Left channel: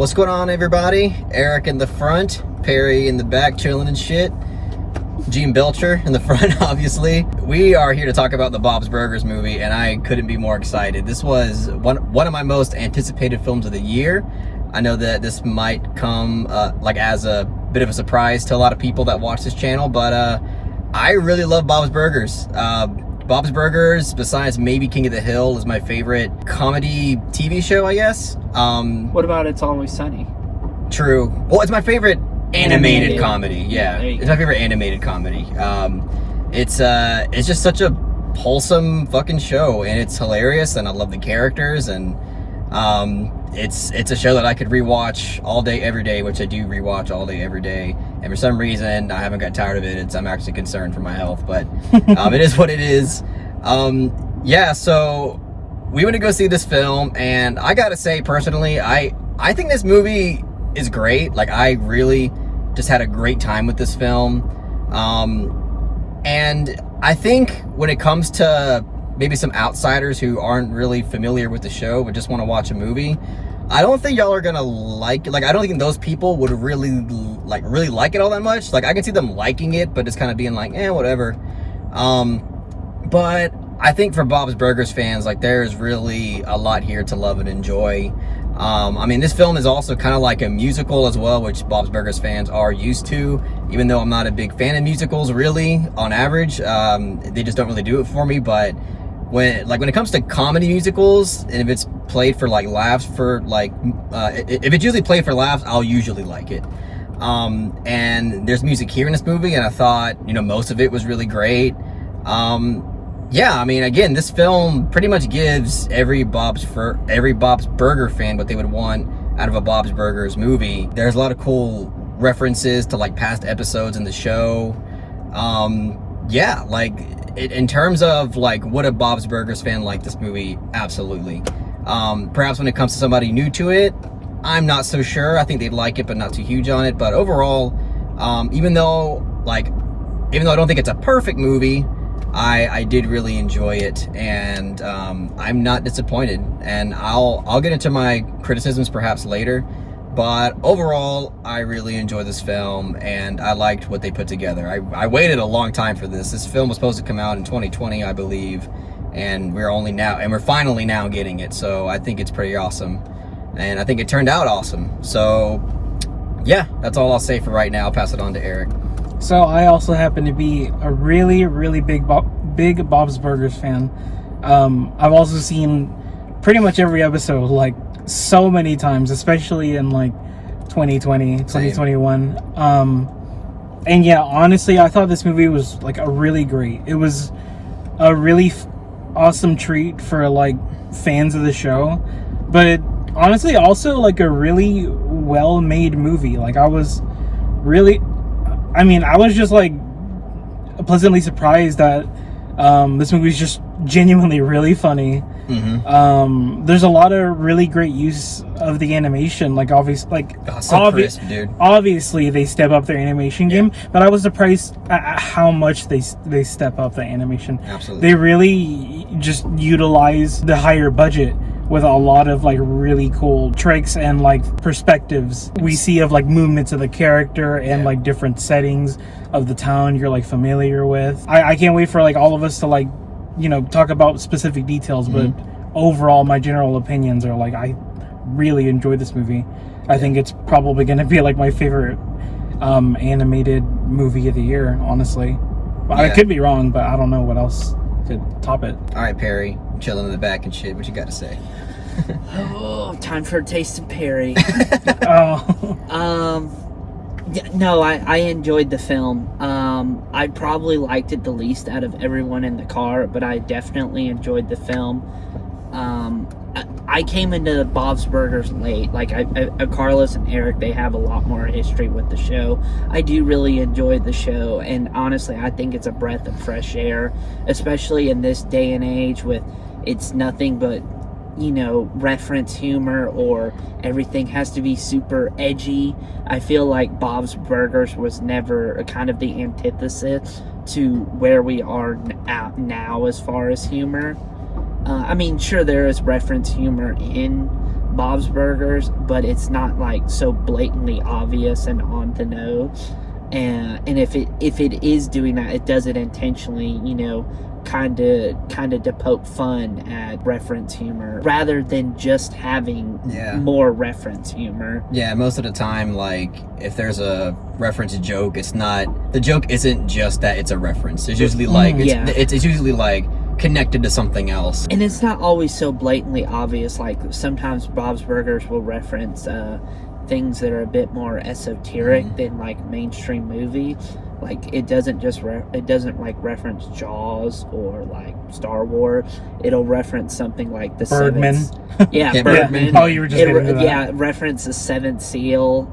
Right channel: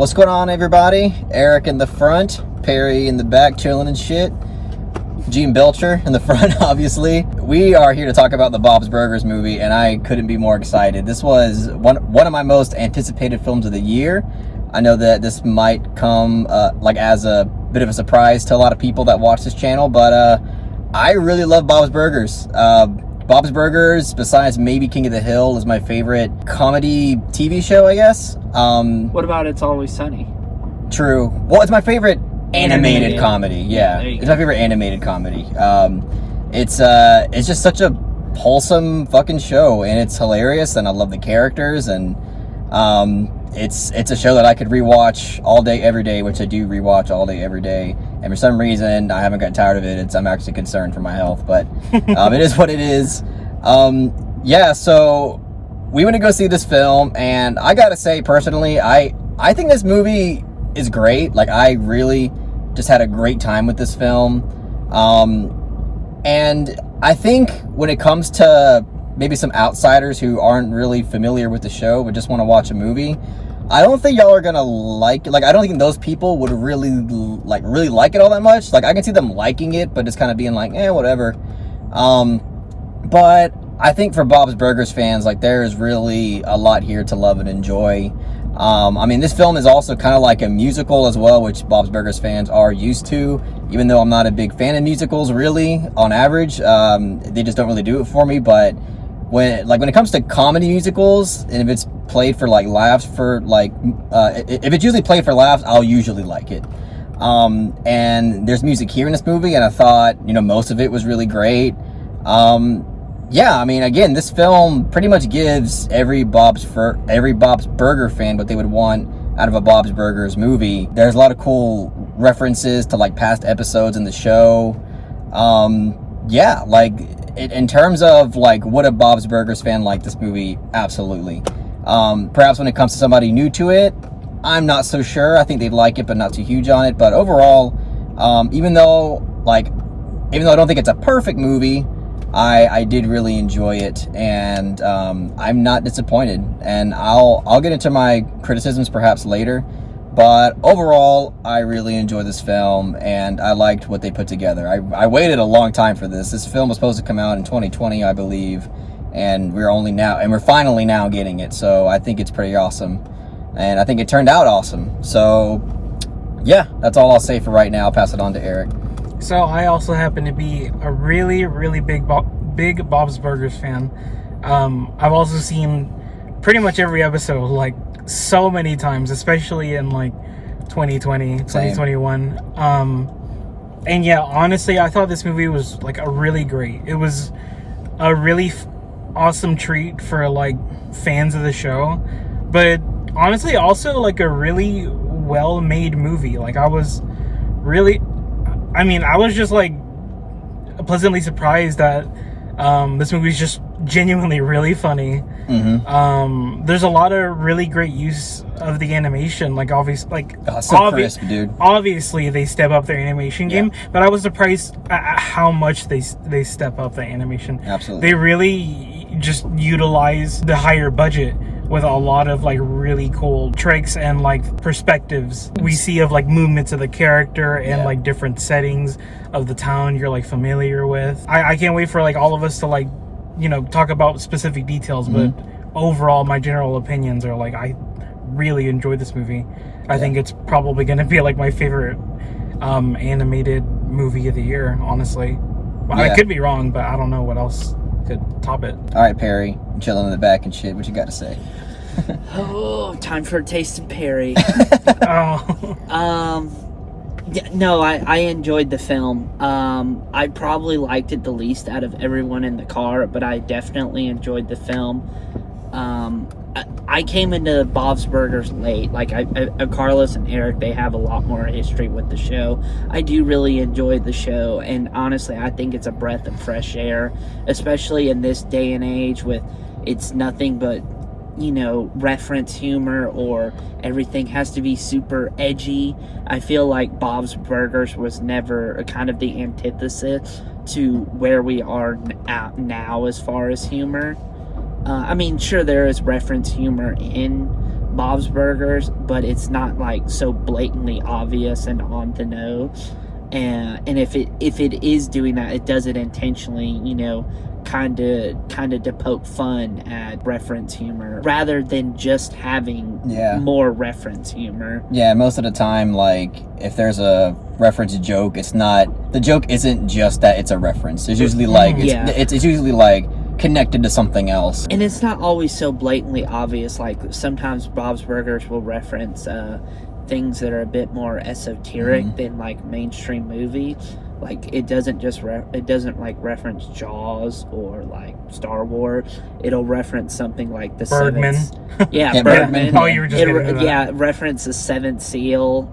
What's going on, everybody? Eric in the front, Perry in the back, chilling and shit. Gene Belcher in the front, obviously. We are here to talk about the Bob's Burgers movie, and I couldn't be more excited. This was one of my most anticipated films of the year. I know that this might come like as a bit of a surprise to a lot of people that watch this channel, but I really love Bob's Burgers. Bob's Burgers, besides maybe King of the Hill, is my favorite comedy TV show, I guess. What about It's Always Sunny? True. Well, it's my favorite animated comedy. Yeah, it's my favorite animated comedy. It's just such a wholesome fucking show, and it's hilarious, and I love the characters, and it's a show that I could rewatch all day, every day, which I do rewatch all day, every day. And for some reason, I haven't got tired of it. I'm actually concerned for my health, but it is what it is. Yeah, so we went to go see this film, and I gotta say, personally, I think this movie is great. Like, I really just had a great time with this film. And I think when it comes to maybe some outsiders who aren't really familiar with the show but just want to watch a movie, I don't think y'all are gonna like it. Like, I don't think those people would really like it all that much. Like, I can see them liking it, but just kind of being like, whatever. But I think for Bob's Burgers fans, like, there's really a lot here to love and enjoy. I mean, this film is also kind of like a musical as well, which Bob's Burgers fans are used to, even though I'm not a big fan of musicals, really, on average. They just don't really do it for me. But when it comes to comedy musicals, and if it's played for like laughs, if it's usually played for laughs, I'll usually like it. And there's music here in this movie, and I thought, most of it was really great. Yeah, I mean, again, this film pretty much gives every Bob's Burger fan what they would want out of a Bob's Burgers movie. There's a lot of cool references to like past episodes in the show. Yeah, like in terms of like would a Bob's Burgers fan like this movie? Absolutely. Perhaps when it comes to somebody new to it, I'm not so sure. I think they'd like it, but not too huge on it. But overall, even though I don't think it's a perfect movie, I did really enjoy it, and I'm not disappointed. And I'll get into my criticisms perhaps later, but overall, I really enjoyed this film, and I liked what they put together. I waited a long time for this. This film was supposed to come out in 2020, I believe, and we're finally now getting it. So I think it's pretty awesome, and I think it turned out awesome. So yeah, that's all I'll say for right now. I'll pass it on to Eric. So I also happen to be a really, really big Bob's Burgers fan. I've also seen pretty much every episode, like, so many times, especially in like 2020, 2021. And yeah, honestly, I thought this movie was like it was a really awesome treat for like fans of the show, but honestly also like a really well-made movie. Like, I was just like pleasantly surprised that this movie is just genuinely really funny. Mm-hmm. There's a lot of really great use of the animation. Like, crisp, dude. Obviously, they step up their animation game, but I was surprised at how much they step up the animation. Absolutely, they really just utilize the higher budget with a lot of like really cool tricks and like perspectives we see of like movements of the character and like different settings of the town you're like familiar with. I can't wait for like all of us to like talk about specific details, but overall my general opinions are like I really enjoyed this movie. I think it's probably going to be like my favorite animated movie of the year, honestly. I could be wrong, but I don't know what else could top it. All right, Perry, chilling in the back and shit, what you got to say? Oh, time for a taste of Perry. Oh. No, I enjoyed the film. I probably liked it the least out of everyone in the car, but I definitely enjoyed the film. I came into Bob's Burgers late. Like, Carlos and Eric, they have a lot more history with the show. I do really enjoy the show, and honestly, I think it's a breath of fresh air, especially in this day and age with it's nothing but reference humor, or everything has to be super edgy. I feel like Bob's Burgers was never kind of the antithesis to where we are now as far as humor. I mean, sure, there is reference humor in Bob's Burgers, but it's not like so blatantly obvious and on the nose. And if it is doing that, it does it intentionally, you know, kind of to poke fun at reference humor rather than just having more reference humor. Yeah, most of the time, like, if there's a reference joke, it's not, the joke isn't just that it's a reference. It's usually like, it's usually like connected to something else. And it's not always so blatantly obvious. Like, sometimes Bob's Burgers will reference things that are a bit more esoteric than like mainstream movies. Like, it doesn't just like reference Jaws or like Star Wars. It'll reference something like the Birdman. Birdman. Oh, you were just getting into that. Reference the Seventh Seal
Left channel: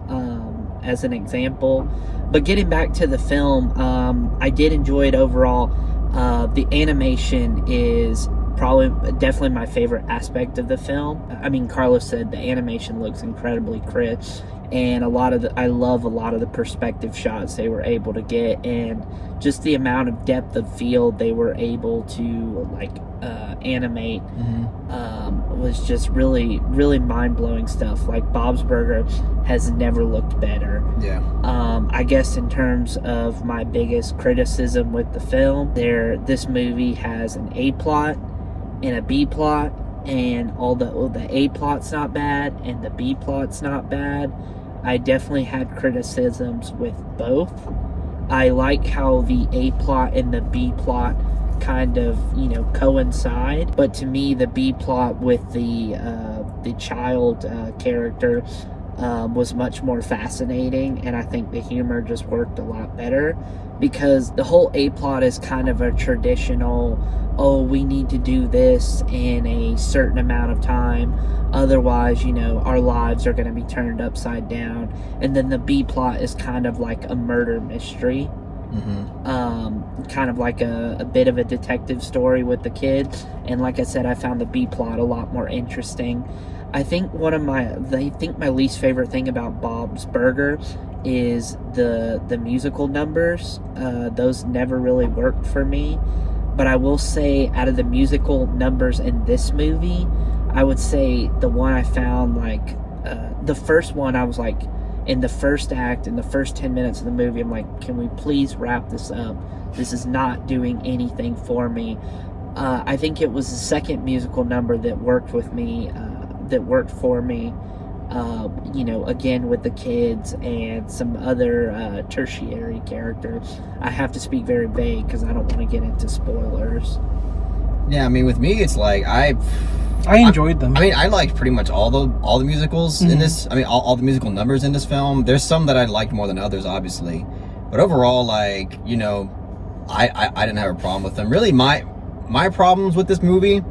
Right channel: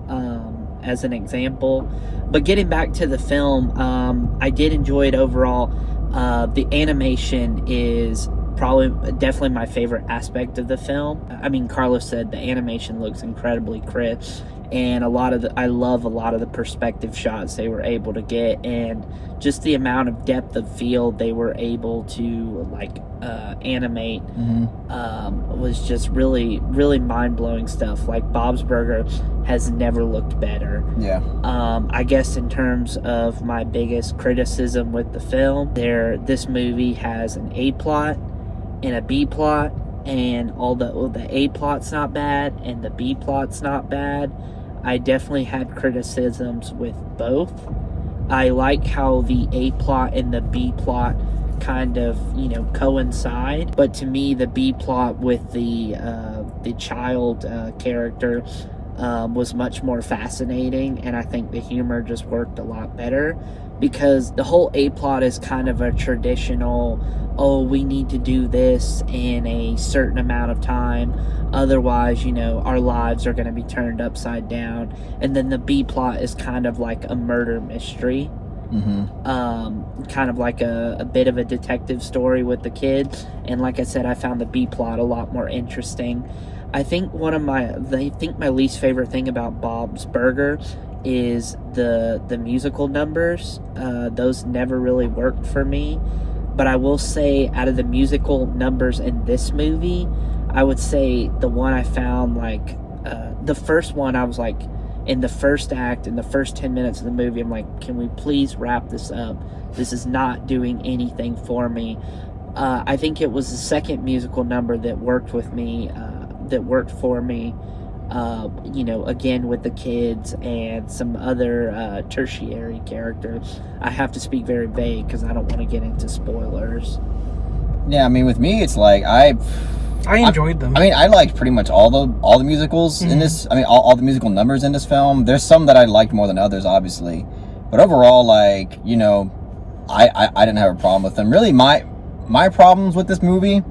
as an example. But getting back to the film, I did enjoy it overall. The animation is definitely my favorite aspect of the film. I mean, Carlos said the animation looks incredibly crisp, and I love a lot of the perspective shots they were able to get, and just the amount of depth of field they were able to like animate was just really, really mind-blowing stuff. Like, Bob's Burger has never looked better. I guess in terms of my biggest criticism with the film, this movie has an A plot and a B plot, and the A plot's not bad and the B plot's not bad. I definitely had criticisms with both. I like how the A plot and the B plot kind of, you know, coincide, but to me the B plot with the child character was much more fascinating, and I think the humor just worked a lot better, because the whole A plot is kind of a traditional, oh, we need to do this in a certain amount of time, otherwise, you know, our lives are going to be turned upside down. And then the B plot is kind of like a murder mystery, kind of like a bit of a detective story with the kids. And like I said, I found the B plot a lot more interesting. I think my least favorite thing about Bob's Burger is the musical numbers. Those never really worked for me. But I will say, out of the musical numbers in this movie, I would say the one I found, like, the first one, I was like, in the first act, in the first 10 minutes of the movie, I'm like, can we please wrap this up? This is not doing anything for me. I think it was the second musical number that worked for me, you know, again with the kids and some other tertiary characters. I have to speak very vague because I don't want to get into spoilers. Yeah, I mean, with me, it's like I enjoyed them. I mean, I liked pretty much all the musicals in this. I mean, all the musical numbers in this film. There's some that I liked more than others, obviously, but overall, like, you know, I didn't have a problem with them. Really, my problems with this movie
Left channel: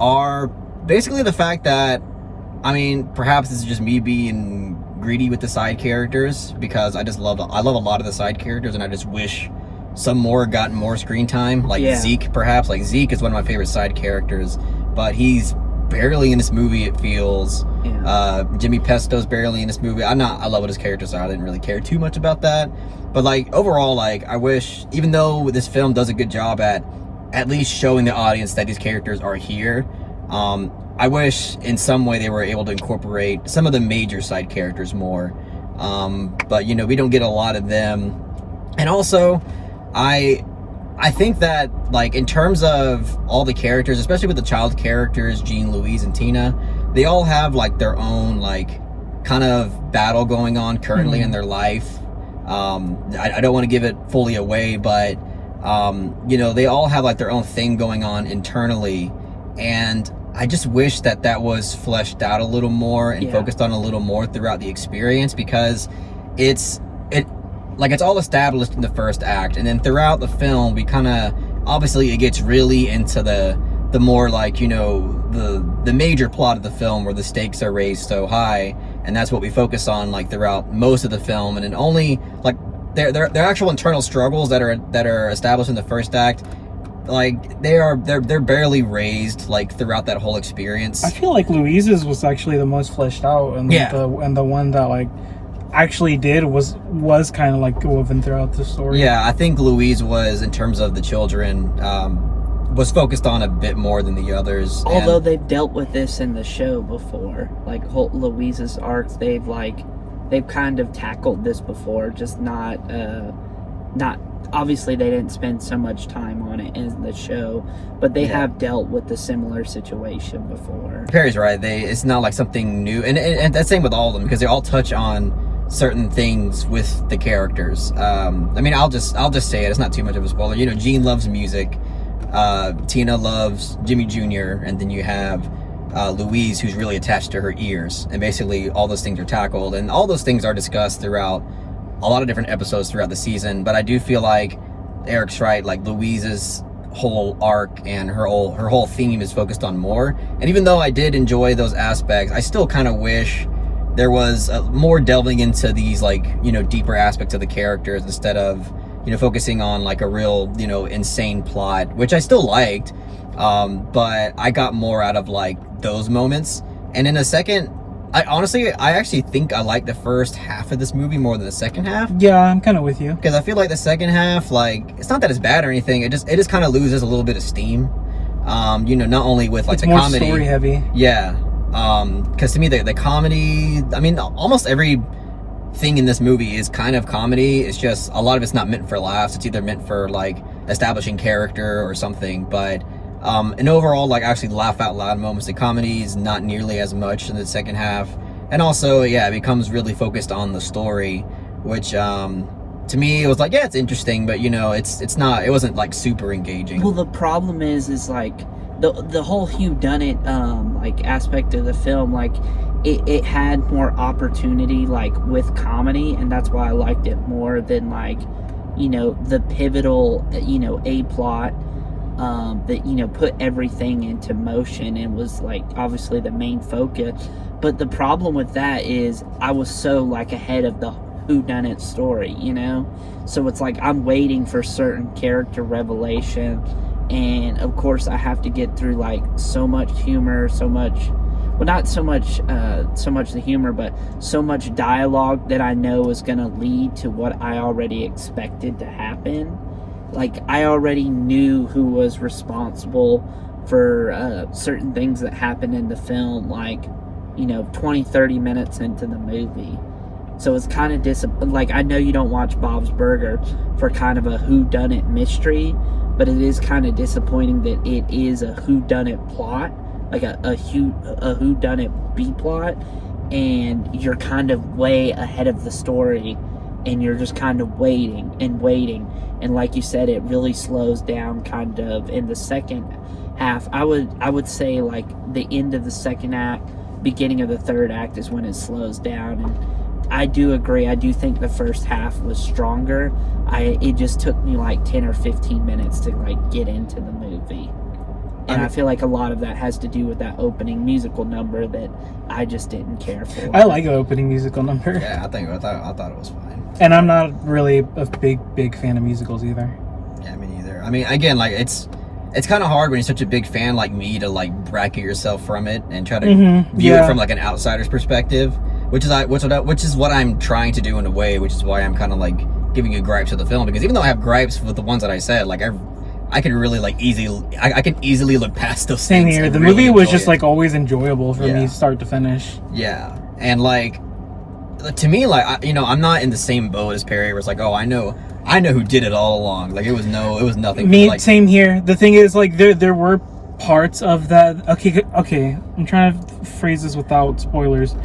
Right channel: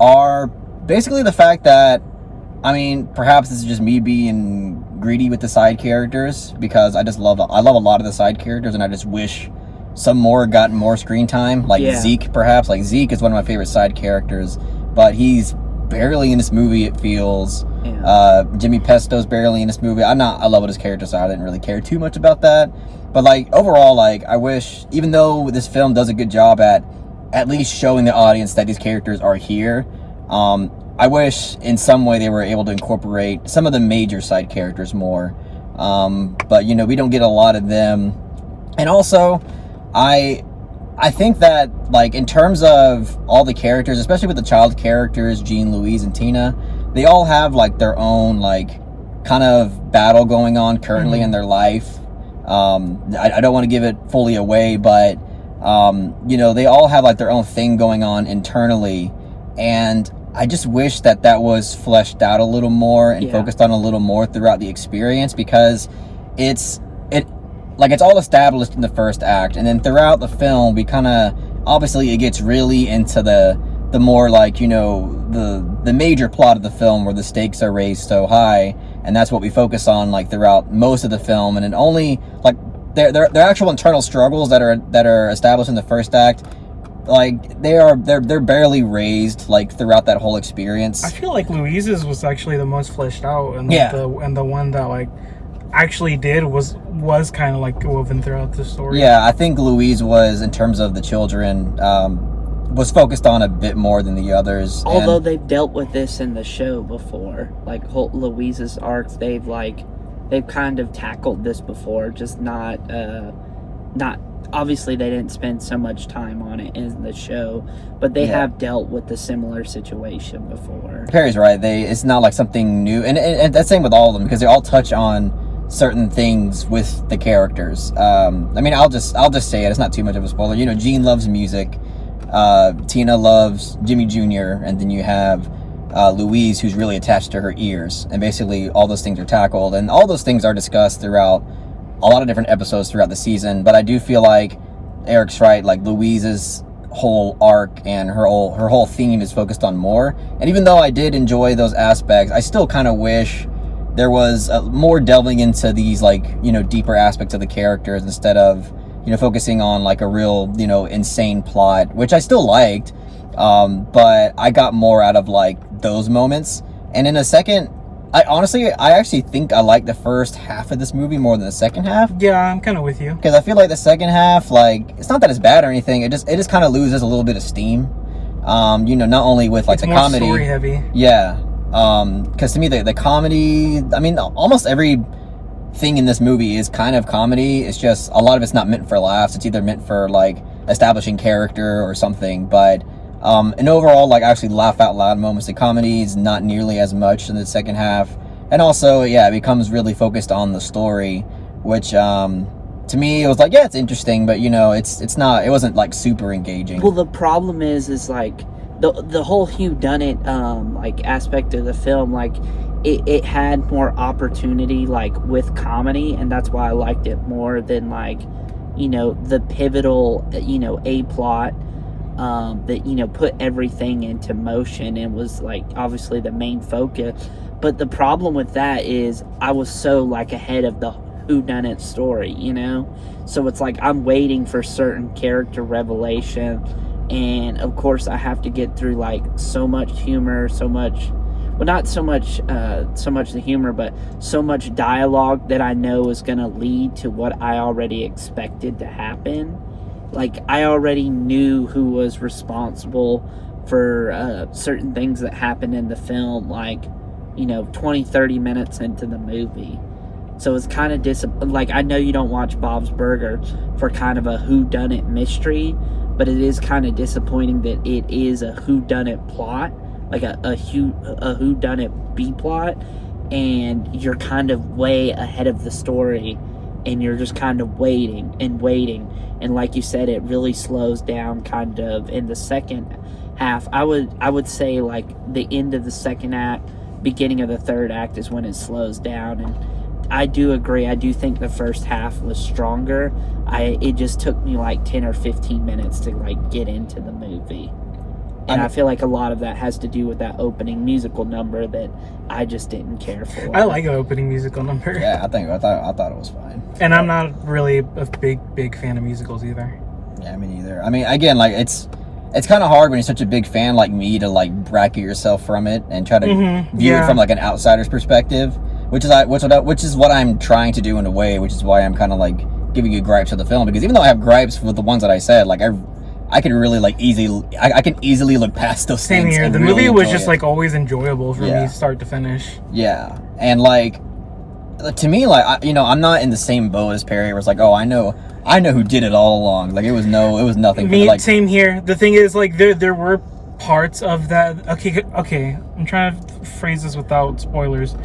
are basically the fact that, I mean, perhaps this is just me being greedy with the side characters, because I love a lot of the side characters, and I just wish some more gotten more screen time. Like Zeke, perhaps. Like, Zeke is one of my favorite side characters, but he's barely in this movie, it feels. Jimmy Pesto's barely in this movie. I love what his characters are. I didn't really care too much about that. But, like, overall, like, I wish, even though this film does a good job at least showing the audience that these characters are here, I wish in some way they were able to incorporate some of the major side characters more. But, you know, we don't get a lot of them. And also, I think that, like, in terms of all the characters, especially with the child characters, Jean, Louise, and Tina, they all have, like, their own, like, kind of battle going on currently in their life. I don't want to give it fully away, but, you know, they all have, like, their own thing going on internally. And I just wish that was fleshed out a little more and focused on a little more throughout the experience, because it's all established in the first act, and then throughout the film we kind of, obviously it gets really into the more, like, you know, the major plot of the film, where the stakes are raised so high, and that's what we focus on, like, throughout most of the film. And then only, like, their actual internal struggles that are established in the first act, like, they're barely raised, like, throughout that whole experience. I feel like Louise's was actually the most fleshed out, and the one that, like, actually did was kind of, like, woven throughout the story. Yeah, I think Louise was, in terms of the children, was focused on a bit more than the others. Although and, they've dealt with this in the show before, like Louise's arc, they've kind of tackled this before, just not obviously they didn't spend so much time on it in the show, but they have dealt with the similar situation before. Perry's right. It's not like something new, and that's same with all of them because they all touch on certain things with the characters. I mean, I'll just say it. It's not too much of a spoiler. You know, Jean loves music. Tina loves Jimmy Jr. And then you have Louise, who's really attached to her ears. And basically, all those things are tackled, and all those things are discussed throughout a lot of different episodes throughout the season. But I do feel like Eric's right. Like Louise's whole arc and her whole theme is focused on more. And even though I did enjoy those aspects, I still kind of wish there was more delving into these, like, you know, deeper aspects of the characters instead of, you know, focusing on like a real, you know, insane plot, which I still liked, but I got more out of like those moments. And in a second, I actually think I like the first half of this movie more than the second half. Yeah, I'm kind of with you, because I feel like the second half, like, it's not that it's bad or anything, it just kind of loses a little bit of steam. You know, not only with like it's the more comedy, story heavy. yeah. Because to me, the comedy, I mean, almost every thing in this movie is kind of comedy. It's just a lot of it's not meant for laughs. It's either meant for like establishing character or something. But and overall, like, actually laugh out loud moments. The comedy is not nearly as much in the second half. And also, yeah, it becomes really focused on the story, which to me, it was like, yeah, it's interesting, but you know, it wasn't like super engaging. Well, the problem is like the whole Whodunit like aspect of the film, like it had more opportunity like with comedy, and that's why I liked it more than like, you know, the pivotal, you know, a plot that, you know, put everything into motion and was like obviously the main focus. But the problem with that is I was so like ahead of the Whodunit story, you know, so it's like I'm waiting for certain character revelation, and of course I have to get through like so much humor, so much, well, not so much the humor, but so much dialogue that I know is going to lead to what I already expected to happen. Like, I already knew who was responsible for certain things that happened in the film, like, you know, 20-30 minutes into the movie. So it's kind of like, I know you don't watch Bob's Burgers for kind of a whodunit mystery, but it is kind of disappointing that it is a whodunit plot, like a whodunit B plot, and you're kind of way ahead of the story, and you're just kind of waiting and waiting, and like you said, it really slows down kind of in the second half. I would say like the end of the second act, beginning of the third act is when it slows down, and I do agree. I do think the first half was stronger. It just took me like 10 or 15 minutes to like get into the movie. And I feel like a lot of that has to do with that opening musical number that I just didn't care for. I like the opening musical number. Yeah, I thought it was fine. And I'm not really a big fan of musicals either. Yeah, me neither. I mean, again, like, it's kind of hard when you're such a big fan like me to like bracket yourself from it and try to view it from like an outsider's perspective, which is what I'm trying to do in a way, which is why I'm kind of like giving you gripes of the film, because even though I have gripes with the ones that I said, like I can really like I can easily look past those Same things. here. The really movie was just it. like always enjoyable for me, start to finish. Yeah, and like to me, like I'm not in the same boat as Perry, where it's like, oh, I know who did it all along. Like it was nothing. Me, like, same here. The thing is, like there were parts of that. Okay. I'm trying to phrase this without spoilers.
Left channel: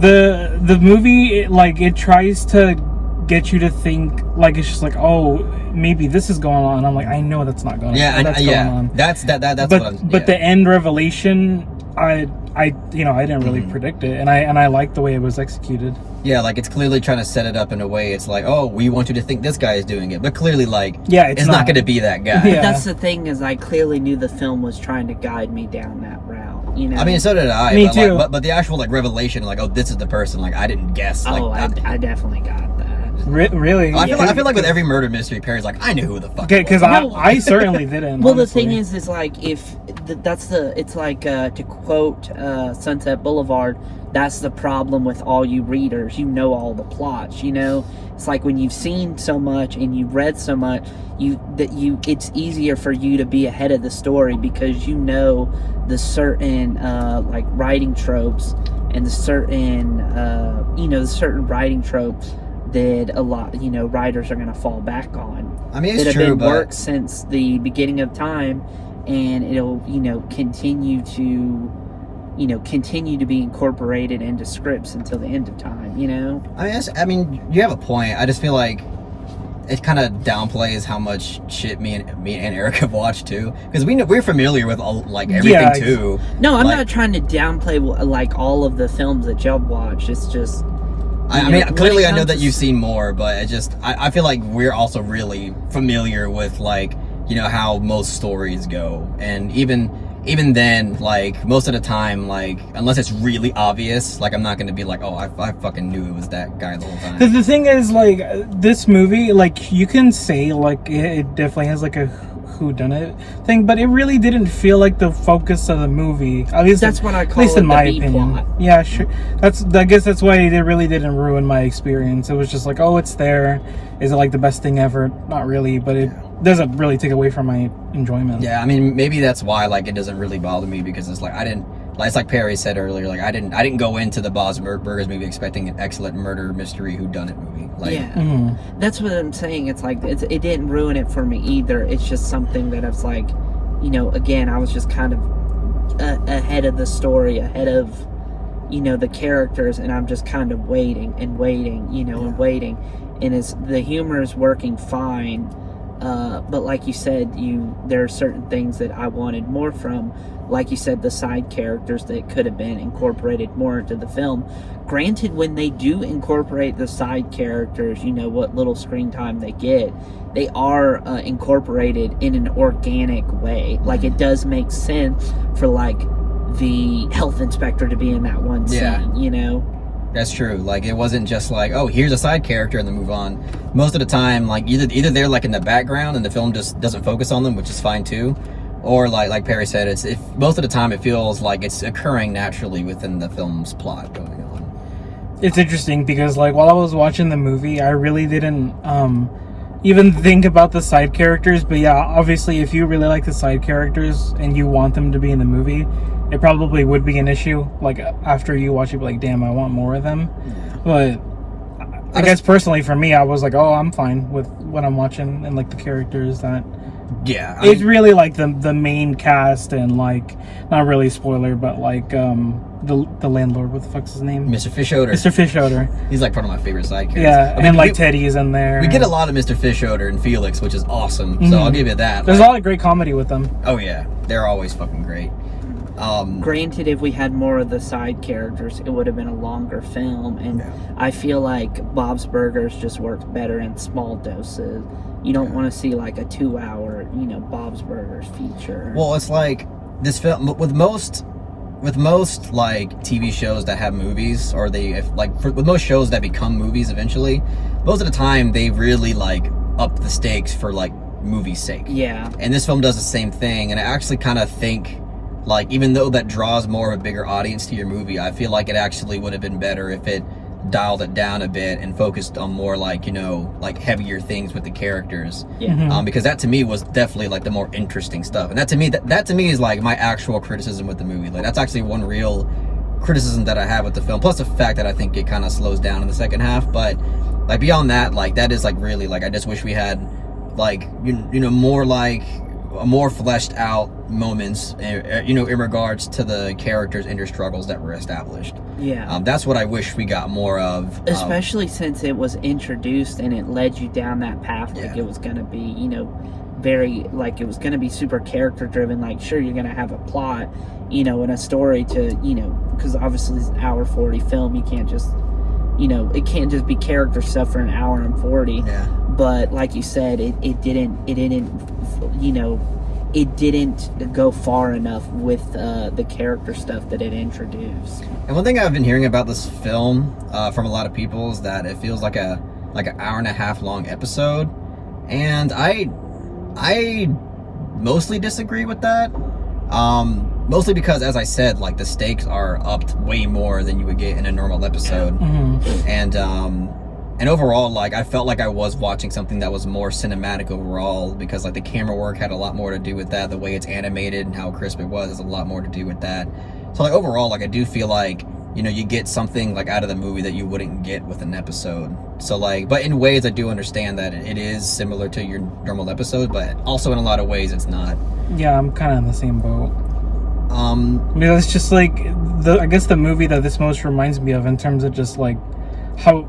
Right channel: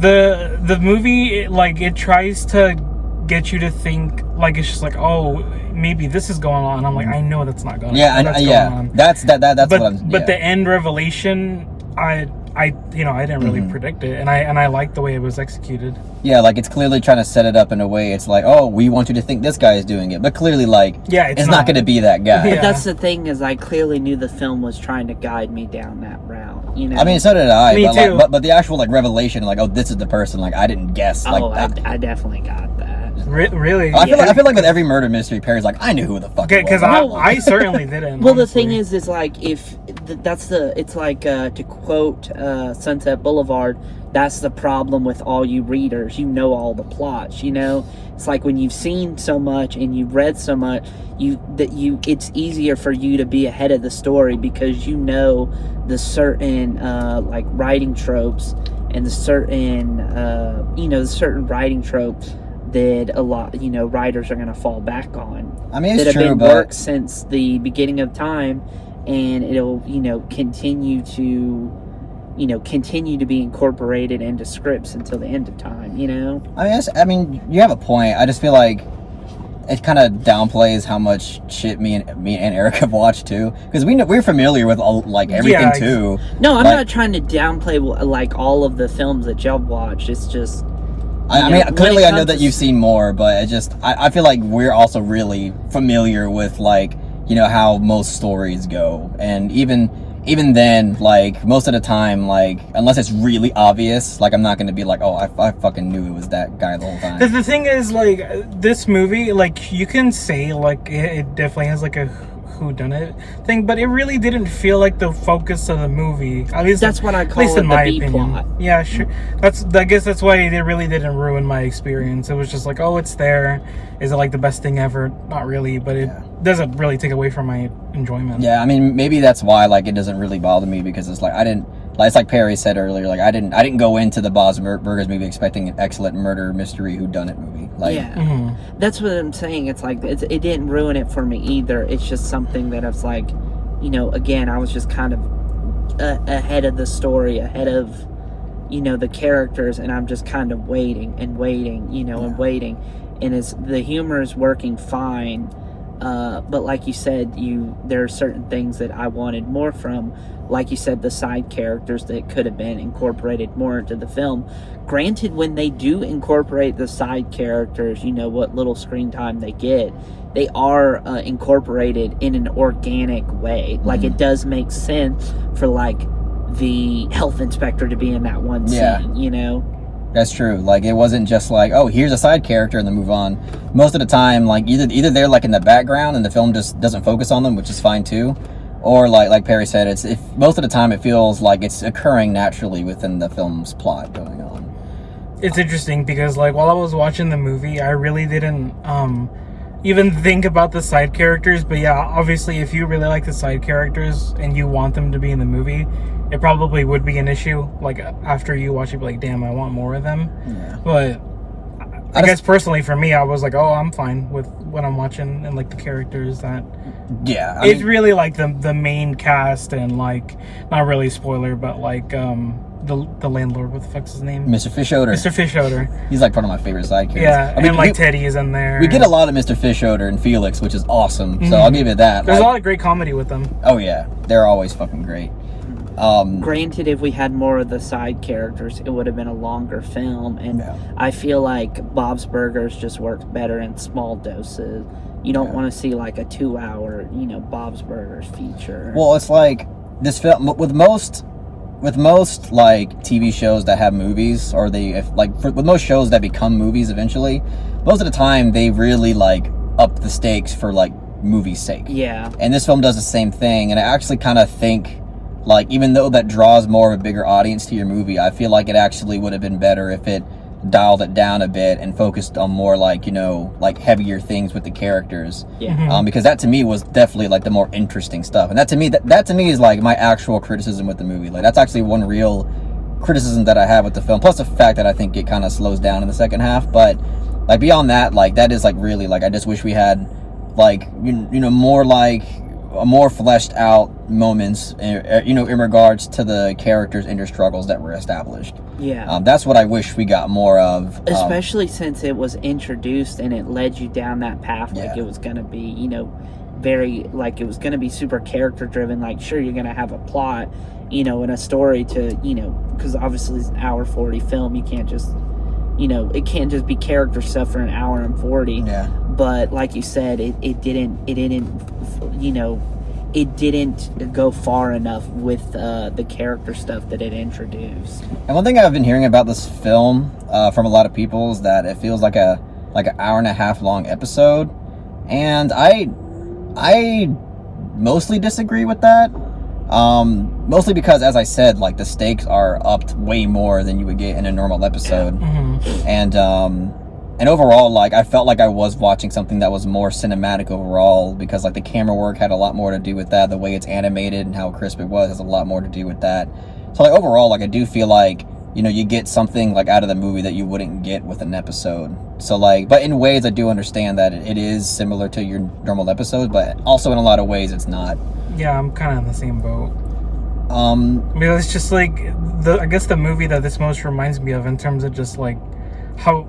The movie, it tries to get you to think, like, it's just like, oh, maybe this is going on. I'm like, I know that's not going on. That's but, what I'm. But the end revelation, I didn't really predict it, and I like the way it was executed. Yeah, like it's clearly trying to set it up in a way. It's like, oh, we want you to think this guy is doing it, but clearly, like, it's not going to be that guy. Yeah. But that's the thing, is I clearly knew the film was trying to guide me down that route. You know. I mean, so did I. Me but too. Like, but the actual like revelation, like, oh, this is the person. Like, I didn't guess. Like, I definitely got that. Really? I feel like with every murder mystery, Perry's like, I knew who the fuck. Okay, because No. I certainly didn't. Well, honestly. the thing is like, if it's like, to quote Sunset Boulevard, that's the problem with all you readers. You know all the plots, you know? It's like when you've seen so much and you've read so much, it's easier for you to be ahead of the story because you know the certain like writing tropes and the certain the certain writing tropes that a lot writers are going to fall back on. I mean, it's that have true, been but worked since the beginning of time, and it'll continue to be incorporated into scripts until the end of time. I mean, you have a point. I just feel like it kind of downplays how much shit me and Eric have watched too, because we're familiar with all everything too. No, I'm not trying to downplay like all of the films that y'all watched. It's just I mean, clearly I know that you've seen more, but I feel like we're also really familiar with how most stories go, and even then, most of the time, unless it's really obvious, I'm not gonna be like, oh, I fucking knew it was that guy the whole time. Because the thing is, this movie, you can say, it definitely has, a whodunit thing, but it really didn't feel like the focus of the movie. At least that's what I call it, in my the B opinion. plot. Yeah, sure. I guess that's why it really didn't ruin my experience. It was just like, oh, it's there. Is it the best thing ever? Not really, but it doesn't really take away from my enjoyment. Yeah, I mean, maybe that's why it doesn't really bother me, because it's I didn't, it's like Perry said earlier, I didn't go into the Bob's Burgers movie expecting an excellent murder mystery whodunit movie. That's what I'm saying. It's it didn't ruin it for me either. It's just something that I was again, I was just kind of ahead of the story, ahead of the characters, and I'm just kind of waiting and waiting, and waiting, and the humor is working fine. But like you said, there are certain things that I wanted more from, like you said, the side characters that could have been incorporated more into the film. Granted, when they do incorporate the side characters, what little screen time they get, they are incorporated in an organic way. It does make sense for the health inspector to be in that one scene, That's true. It wasn't just oh, here's a side character and then move on. Most of the time, either they're in the background and the film just doesn't focus on them, which is fine too, or like Perry said, most of the time it feels like it's occurring naturally within the film's plot going on. It's interesting because while I was watching the movie, I really didn't even think about the side characters. But yeah, obviously, if you really like the side characters and you want them to be in the movie, it probably would be an issue. After you watch it, be damn, I want more of them. Yeah. But I guess personally for me, I was oh, I'm fine with what I'm watching and the characters that. Yeah, it's really the main cast and not really spoiler, but the landlord. What the fuck's his name? Mr. Fishodor. Mr. Fishodor. He's one of my favorite side characters. Yeah, and Teddy is in there. We get a lot of Mr. Fishodor and Felix, which is awesome. So I'll give it that. There's a lot of great comedy with them. Oh yeah, they're always fucking great. Granted, if we had more of the side characters, it would have been a longer film, and I feel like Bob's Burgers just works better in small doses. You don't want to see a 2-hour, Bob's Burgers feature. Well, it's this film with most TV shows that have movies, or with most shows that become movies eventually, most of the time they really up the stakes for movie's sake. Yeah. And this film does the same thing, and I actually kind of think even though that draws more of a bigger audience to your movie, I feel it actually would have been better if it dialed it down a bit and focused on more heavier things with the characters. Yeah. Because that to me was definitely the more interesting stuff, and that to me is my actual criticism with the movie. That's actually one real criticism that I have with the film, plus the fact that I think it kind of slows down in the second half. But beyond that, that is really I just wish we had more fleshed out moments, in regards to the characters' inner struggles that were established. Yeah. That's what I wish we got more of. Especially since it was introduced and it led you down that path it was going to be, very, it was going to be super character driven. Sure, you're going to have a plot, and a story to, because obviously it's an hour 40 film. You can't just, it can't just be character stuff for an hour and 40. Yeah. But like you said, it didn't go far enough with the character stuff that it introduced. And one thing I've been hearing about this film from a lot of people is that it feels like an hour and a half long episode, and I mostly disagree with that. Mostly because, as I said, like the stakes are upped way more than you would get in a normal episode. And overall, like I felt like I was watching something that was more cinematic overall, because like the camera work had a lot more to do with that. The way it's animated and how crisp it was has a lot more to do with that. So like overall, like I do feel like, you know, you get something like out of the movie that you wouldn't get with an episode. So like, but in ways I do understand that it is similar to your normal episode, but also in a lot of ways it's not. Yeah, I'm kind of in the same boat. Because it's just like I guess the movie that this most reminds me of in terms of just like how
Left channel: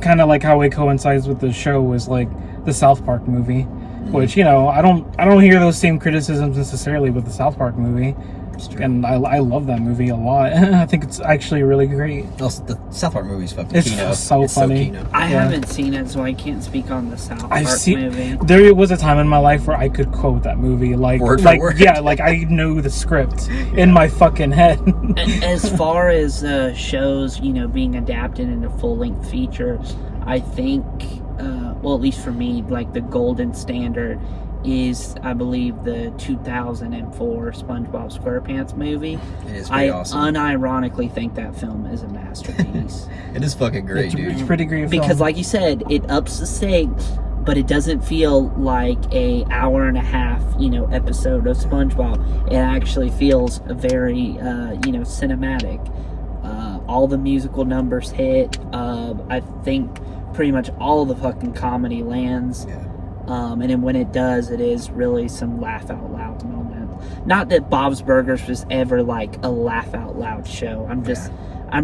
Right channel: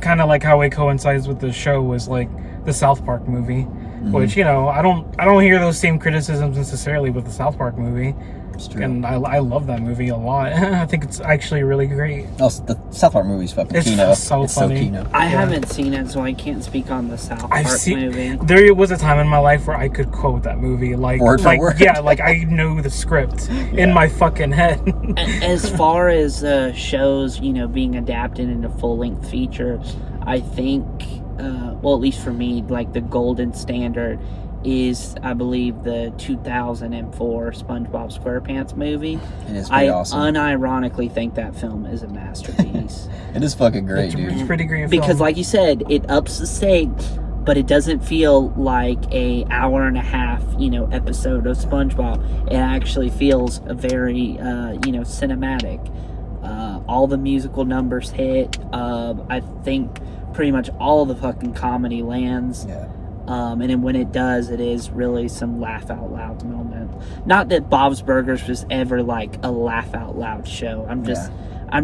kind of like how it coincides with the show was like the South Park movie, which, you know, I don't hear those same criticisms necessarily with the South Park movie. And I love that movie a lot. I think it's actually really great. Oh, the South Park movie's fucking It's kino. so It's funny. so kino. I haven't seen it, so I can't speak on the South Park movie. There was a time in my life where I could quote that movie like Word for word. Yeah, like I knew the script in my fucking head. As far as shows, you know, being adapted into full-length features, I think, well, at least for me, like the golden standard is, I believe, the 2004 SpongeBob SquarePants movie. It is pretty awesome. Unironically think that film is a masterpiece. It is fucking great, dude. It's pretty great Because, film. like you said, it ups the stakes, but it doesn't feel like a hour and a half, you know, episode of SpongeBob. It actually feels very, you know, cinematic. All the musical numbers hit. I think pretty much all the fucking comedy lands. Yeah. And then when it does, it is really some laugh out loud moment. Not that Bob's Burgers was ever like a laugh out loud show. I'm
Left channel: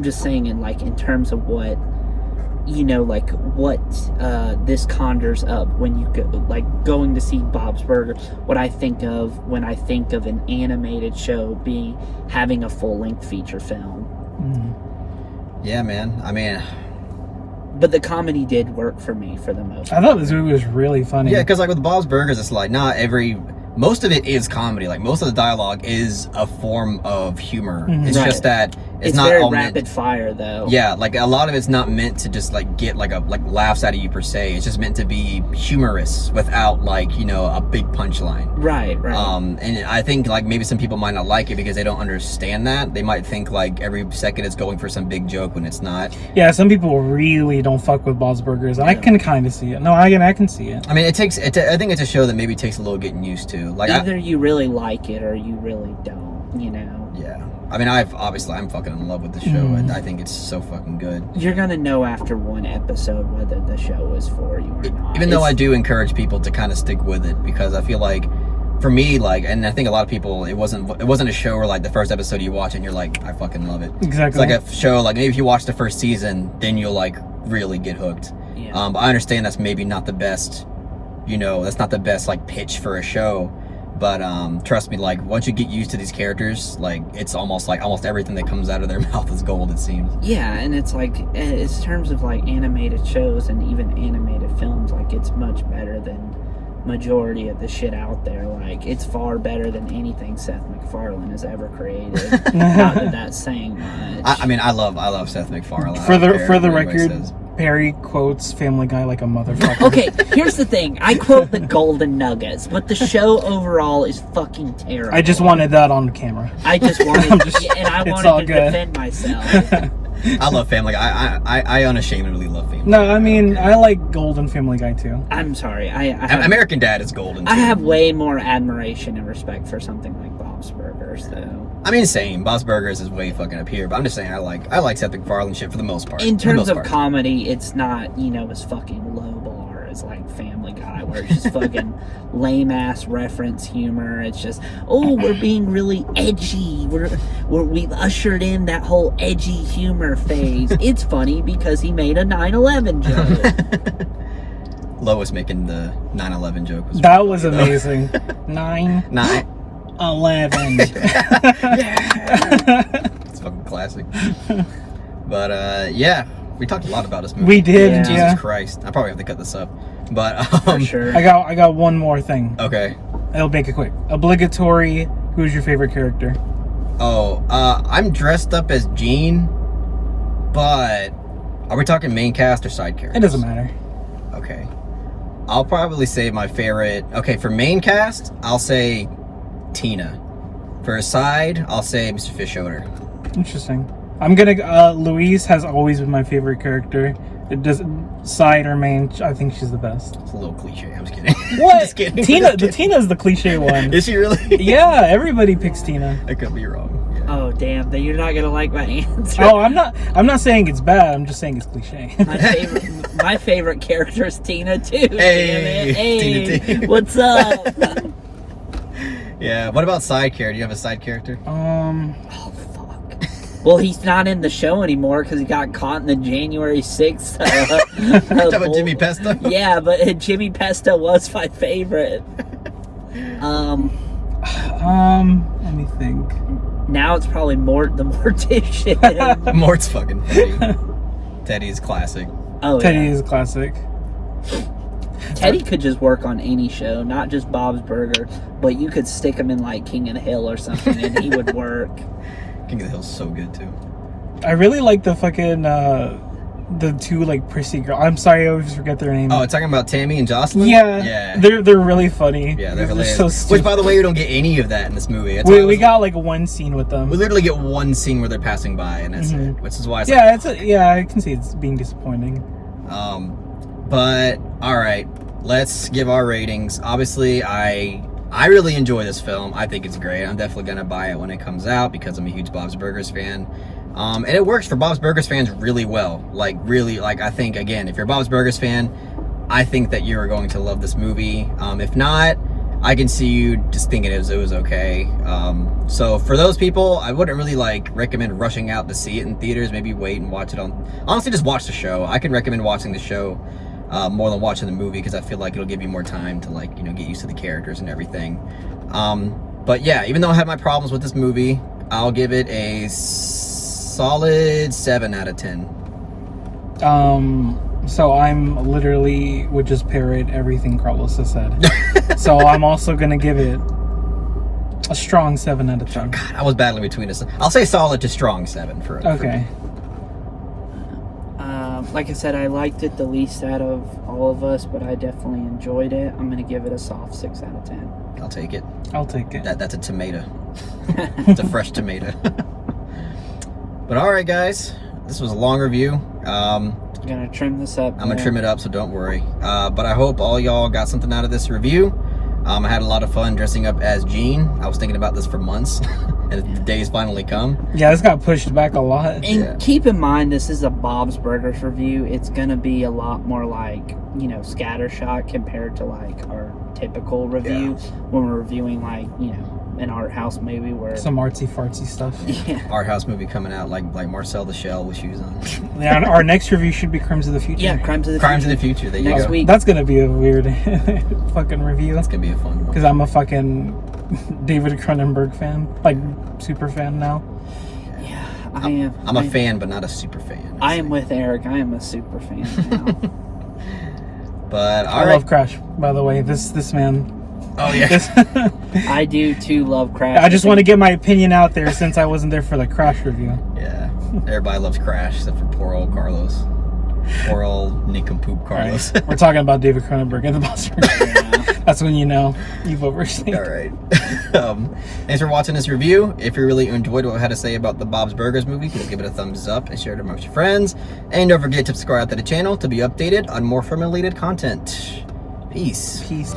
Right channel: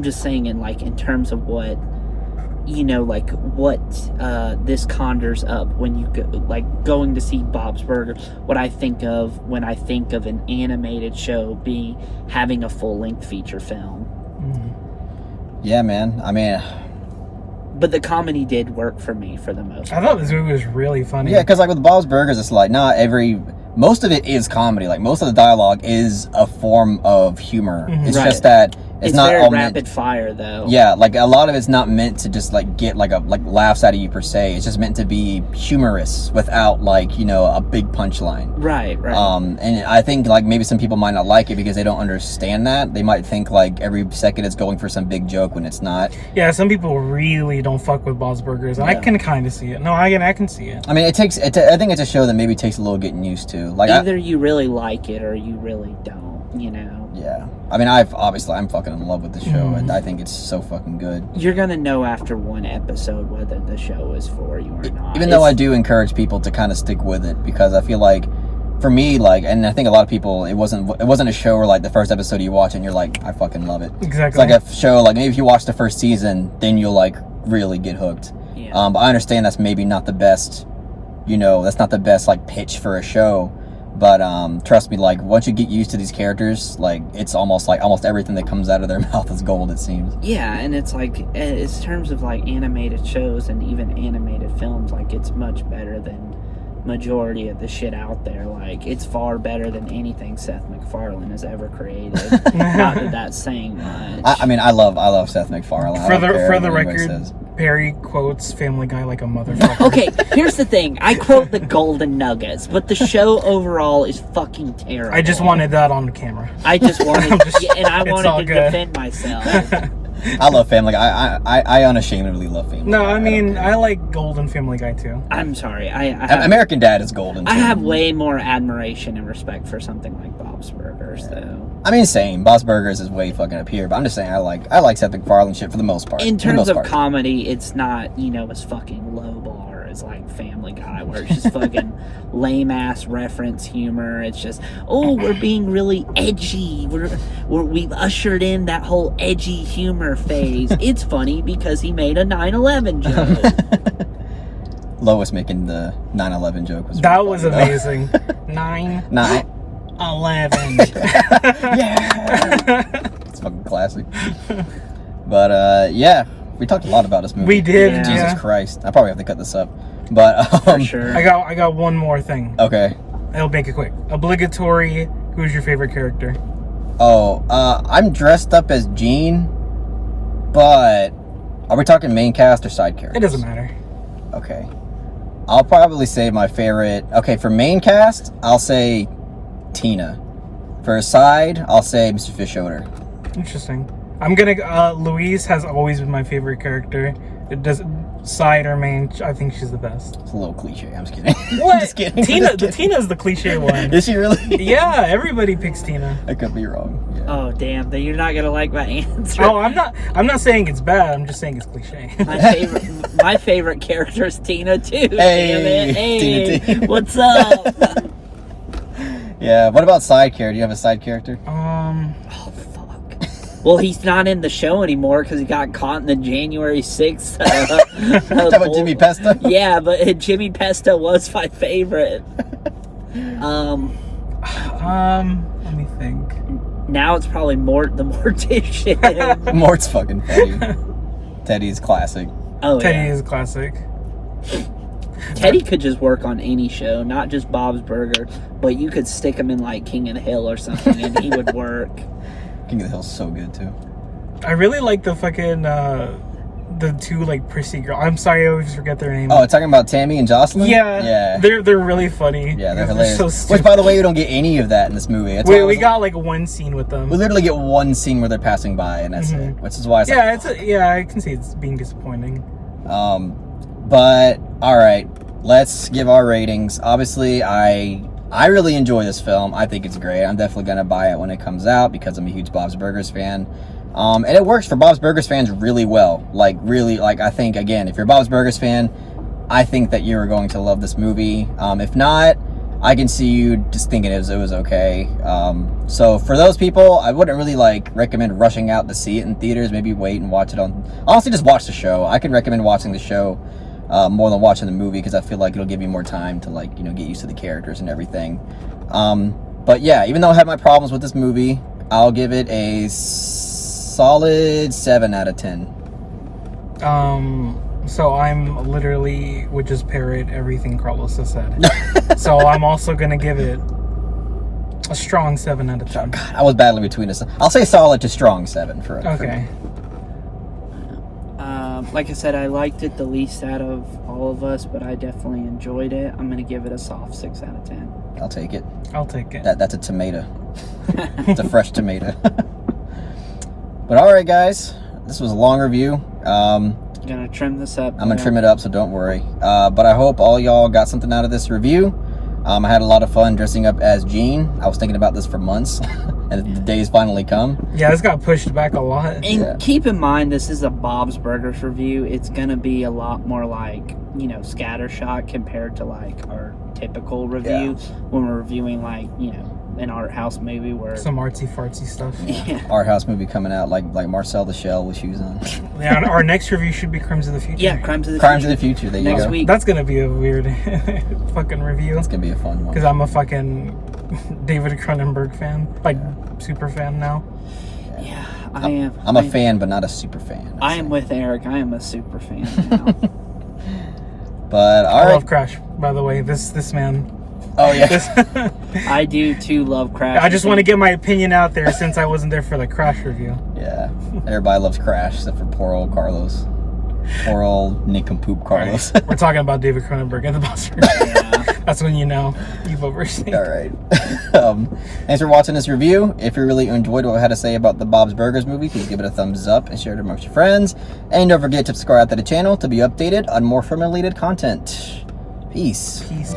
just saying in terms of what, you know, like what this conjures up when you go, like going to see Bob's Burgers. What I think of when I think of an animated show being having a full length feature film. Yeah, man. I mean, but the comedy did work for me for the most part. I thought this movie was really funny. yeah, because like with Bob's Burgers, it's like most of it is comedy. Like most of the dialogue is a form of humor. It's Right. just that it's not very all rapid fire though. Yeah, like a lot of it's not meant to just like get like laughs out of you per se. It's just meant to be humorous without like, you know, a big punchline. Right. And I think like maybe some people might not like it because they don't understand that. They might think like every second it's going for some big joke when it's not. Yeah, some people really don't fuck with Bob's Burgers. I can kind of see it. No, I can see it. I mean, I think it's a show that maybe takes a little getting used to. Like Either you really like it or you really don't, you know. Yeah. I mean, I'm fucking in love with the show, and I think it's so fucking good. You're gonna know after one episode whether the show is for you or not. Even though I do encourage people to kind of stick with it, because I feel like, for me, like, and I think a lot of people, it wasn't a show where like the first episode you watch and you're like, I fucking love it. Exactly. It's like a show, like maybe if you watch the first season, then you'll like really get hooked. Yeah. But I understand that's maybe not the best, you know, that's not the best like pitch for a show. But trust me, like once you get used to these characters, like it's almost everything that comes out of their mouth is gold, it seems. Yeah, and it's like in terms of like animated shows and even animated films, like it's much better than majority of the shit out there. Like it's far better than anything Seth MacFarlane has ever created. Not that that's saying much. I mean, I love Seth MacFarlane. For the record, Perry quotes Family Guy like a motherfucker. Okay, here's the thing. I quote the golden nuggets, but the show overall is fucking terrible. I just wanted that on the camera. I just wanted, and I it's wanted all to good. defend myself. I love Family Guy. I unashamedly love Family Guy. No, I mean, I like Golden Family Guy too. I'm sorry. I have, American Dad is golden. I too. have way more admiration and respect for something like Bob's Burgers, though. I mean, same. Bob's Burgers is way fucking up here, but I'm just saying I like Seth MacFarlane shit for the most part. In For the terms most of part. comedy, it's not, you know, as fucking low bar as like Family Guy, where it's just fucking lame ass reference humor. It's just, oh, we're being really edgy. We've ushered in that whole edgy humor phase. It's funny because he made a 9/11 joke. Lois making the 9/11 joke was That was amazing. 9/11. 9. It's fucking classic. But yeah, we talked a lot about this movie. We did. Yeah. Jesus Yeah. Christ, I probably have to cut this up. But For sure. I got one more thing. Okay. I'll make it quick. Obligatory. Who's your favorite character? Oh, I'm dressed up as Gene, but are we talking main cast or side characters? It doesn't matter. Okay. I'll probably say my favorite. Okay, for main cast, I'll say Tina. For a side, I'll say Mr. Fish Odor. Interesting. I'm gonna. Louise has always been my favorite character. It does side or main. I think she's the best. It's a little cliche. I'm just kidding. What? Just kidding. Tina's the cliche one. Is she really? Yeah, everybody picks Tina. I could be wrong. Yeah. Oh damn! Then you're not gonna like my answer. Oh, I'm not saying it's bad. I'm just saying it's cliche. My favorite character is Tina too. Damn it. Hey, Tina T. what's up? Yeah. What about side character? Do you have a side character? Oh fuck. Well, he's not in the show anymore because he got caught in the January 6th. Talking about Jimmy Pesta? Yeah, but Jimmy Pesta was my favorite. Let me think. Now it's probably Mort the Mortician. Mort's fucking funny. Teddy is classic. Oh Teddy yeah. is a classic. Teddy could just work on any show, not just Bob's Burger, but you could stick him in like King of the Hill or something and he would work. King of the Hill's so good too. I really like the fucking the two like prissy girl. I'm sorry, I always forget their name. Oh, talking about Tammy and Jocelyn? Yeah, Yeah. They're really funny. Yeah, they're hilarious. so stupid. Which, by the way, we don't get any of that in this movie. It's we always- got like one scene with them. We literally get one scene where they're passing by, and that's Mhm. it. Which is why it's Yeah, yeah, I can see it's being disappointing. But all right, let's give our ratings. Obviously, I really enjoy this film. I think it's great. I'm definitely gonna buy it when it comes out because I'm a huge Bob's Burgers fan. And it works for Bob's Burgers fans really well. Really, I think, again, if you're a Bob's Burgers fan, I think that you're going to love this movie. If not, I can see you just thinking it was okay. So for those people, I wouldn't really recommend rushing out to see it in theaters. Maybe wait and watch it honestly, just watch the show. I can recommend watching the show more than watching the movie because I feel like it'll give you more time to get used to the characters and everything. But yeah, even though I had my problems with this movie, I'll give it a solid 7 out of 10. So I'm literally would just parrot everything Carlos has said. So I'm also gonna give it a strong 7 out of 10. I was battling between us. I'll say solid to strong 7 for Okay. me. Like I said, I liked it the least out of all of us, but I definitely enjoyed it. I'm gonna give it a soft 6 out of 10. I'll take it. I'll take it. That's a tomato. It's a fresh tomato. But all right, guys, this was a long review. Gonna trim this up. I'm gonna trim it up, so don't worry. But I hope all y'all got something out of this review. I had a lot of fun dressing up as Gene. I was thinking about this for months, and the day's finally come. Yeah, this got pushed back a lot. And Yeah. keep in mind, this is a Bob's Burgers review. It's gonna be a lot more scattershot compared to our typical review when we're reviewing an art house movie where Some artsy fartsy stuff. yeah. Our house movie coming out like Marcel the Shell with shoes on. Yeah, and our next review should be Crimes of the Future. Yeah, Crimes of the Crimes Future. of the Future. There you Next go. week. That's gonna be a weird fucking review. That's gonna be a fun one. Because I'm a fucking David Cronenberg fan, super fan now. Yeah, I am. I'm a fan, but not a super fan. I am with Eric. I am a super fan now. But all I right. love Crash, by the way. This man. Oh yeah. I do too love Crash. I just want to get my opinion out there since I wasn't there for the Crash review. Yeah. Everybody loves Crash except for poor old Carlos. Poor old nincompoop Carlos. We're talking about David Cronenberg and the Boss Burger. Yeah. That's when you know you've overstayed. All right. Thanks for watching this review. If you really enjoyed what I had to say about the Bob's Burgers movie, please give it a thumbs up and share it amongst your friends. And don't forget to subscribe to the channel to be updated on more film-related content. Peace. Peace.